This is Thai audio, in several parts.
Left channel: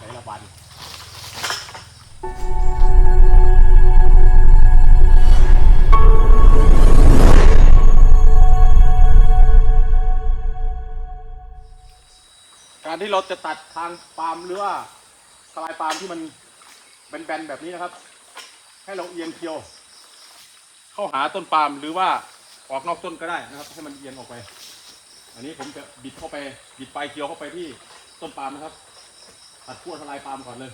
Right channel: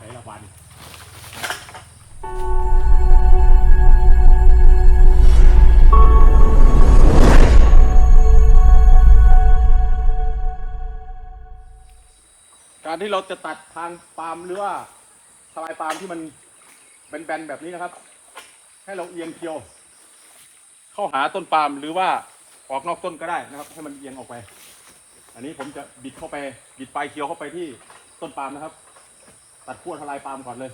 ไหนละบันการที่เราจะตัดทางปาล์มหรือว่าทลายปาล์มที่มันแบนๆแบบนี้นะครับ ให้เราเอียงเคียว เข้าหาต้นปาล์มหรือว่าออกนอกต้นก็ได้นะครับ ให้มันเอียงออกไป อันนี้ผมจะบิดเข้าไปบิดปลายเคียวเข้าไปที่ต้นปาล์มนะครับ ตัดขั้วทลายปาล์มก่อนเลย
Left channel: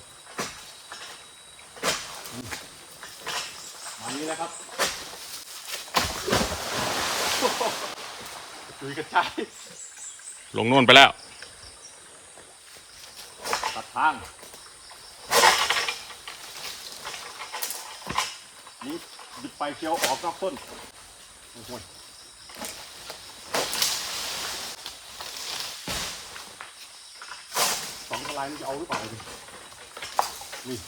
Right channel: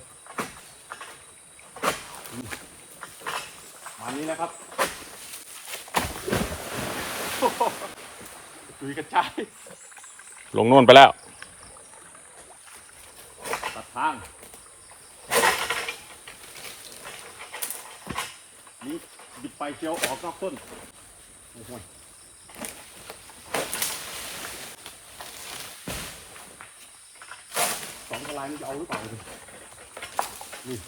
อืมมานี้นะครับโอ้โหกระจุยกระจายลงโน่นไปแล้ว ตัดทางนี่บิดปลายเคียวออกนอกต้นโอ้โหสองท ลายนี่จะเอาหรือเปล่านี่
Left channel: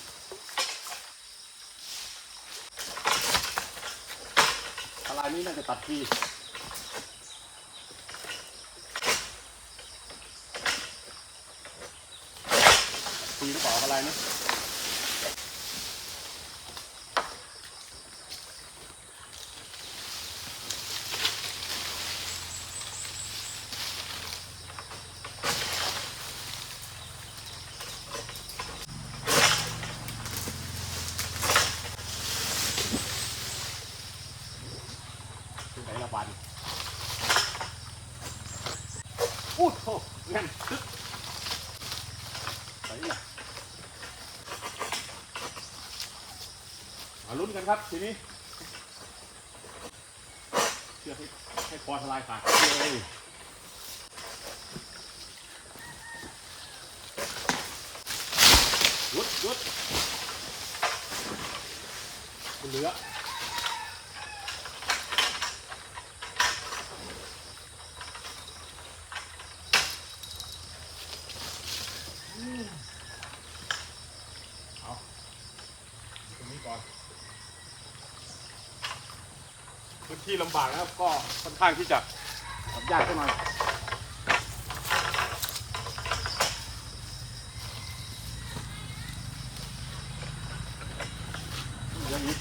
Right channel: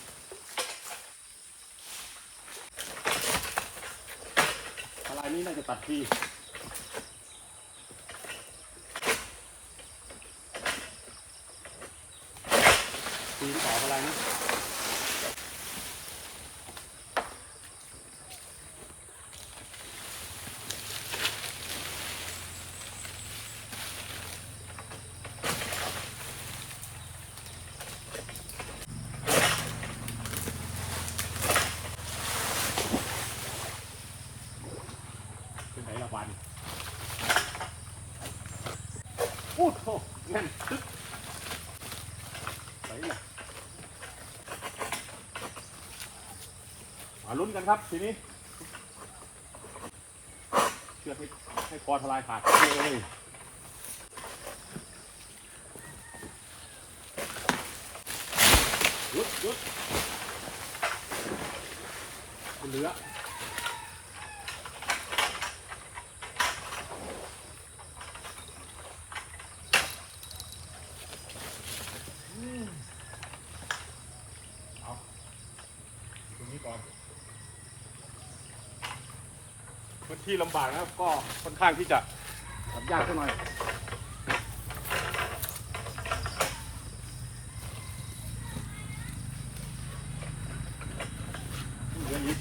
ทลายนี้น่าจะตัดทีทีหรือเปล่าทลายนะ เป็นไหนละบันอู้โหแน่นตึ๊กไหละมาลุ้นกันครับทีนี้ เชือกให้ให้คอทลายขาดเลยยุดยุดเหลือ นี้ก่อน พื้นที่ลำบากนะครับ ก็ค่อนข้างที่จะทำยากสักหน่อยเรื่องนี้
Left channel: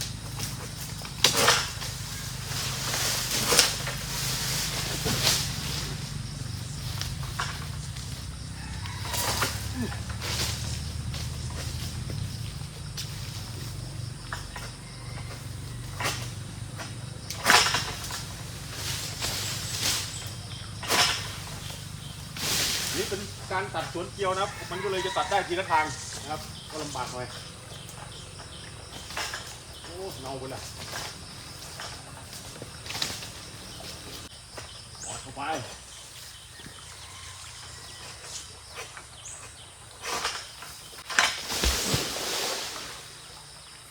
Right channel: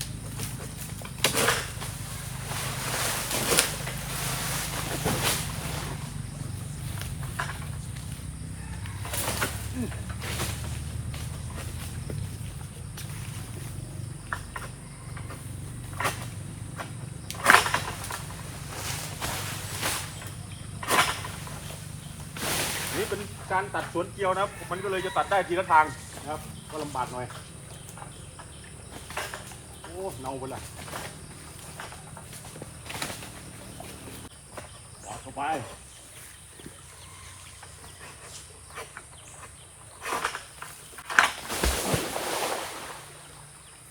นี่เป็น การตัดสวนเกลียวนะครับ มันก็เลยจะตัดได้ทีละทางนะครับ ก็ลำบากหน่อย โอ้เน่าไปละปอดเข้าไป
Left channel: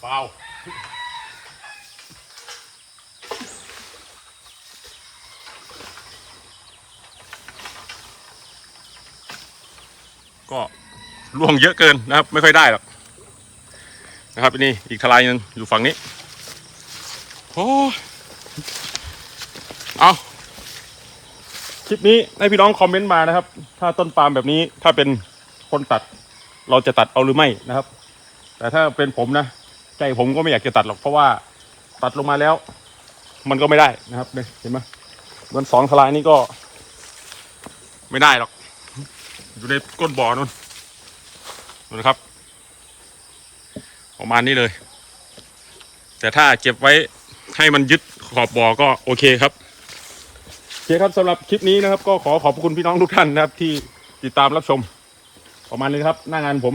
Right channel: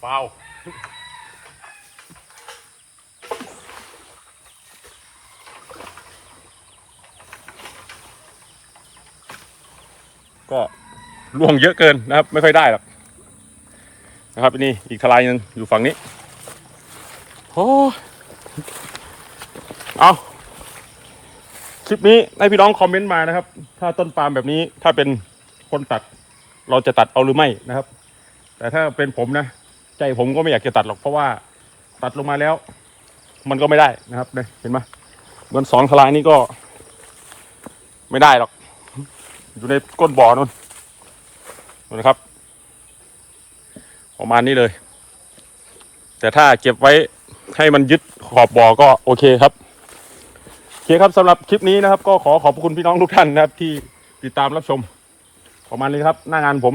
เปล่า ก็ล่วงเยอะเกินนะครับ ไม่ค่อยได้หรอกนะครับนี่อีกทลายหนึงอยู่ฝั่งนี้โอ้เอาคลิปนี้ให้พี่น้องคอมเมนต์มานะครับ ถ้าต้นปาล์มแบบนี้ถ้าเป็นคนตัด เราจะตัดเอาหรือไม่นะครับ แต่ถ้าเป็นผมนะ ใจผมก็ไม่อยากจะตัดหรอกเพราะว่าตัดลงมาแล้ว มันก็ไม่ได้นะครับเนี่ยเห็นไหมเหมือนสองทลายนี้ก็ ไม่ได้หรอก อยู่ในก้นบ่อนู่นนู่นนะครับประมาณนี้เลย แต่ถ้าเก็บไว้ให้มันยึดขอบบ่อก็โอเคครับโอเคครับสำหรับคลิปนี้นะครับ ก็ขอขอบคุณพี่น้องทุกท่านนะครับ ที่ติดตามรับชม ประมาณนี้ครับ หน้างานผม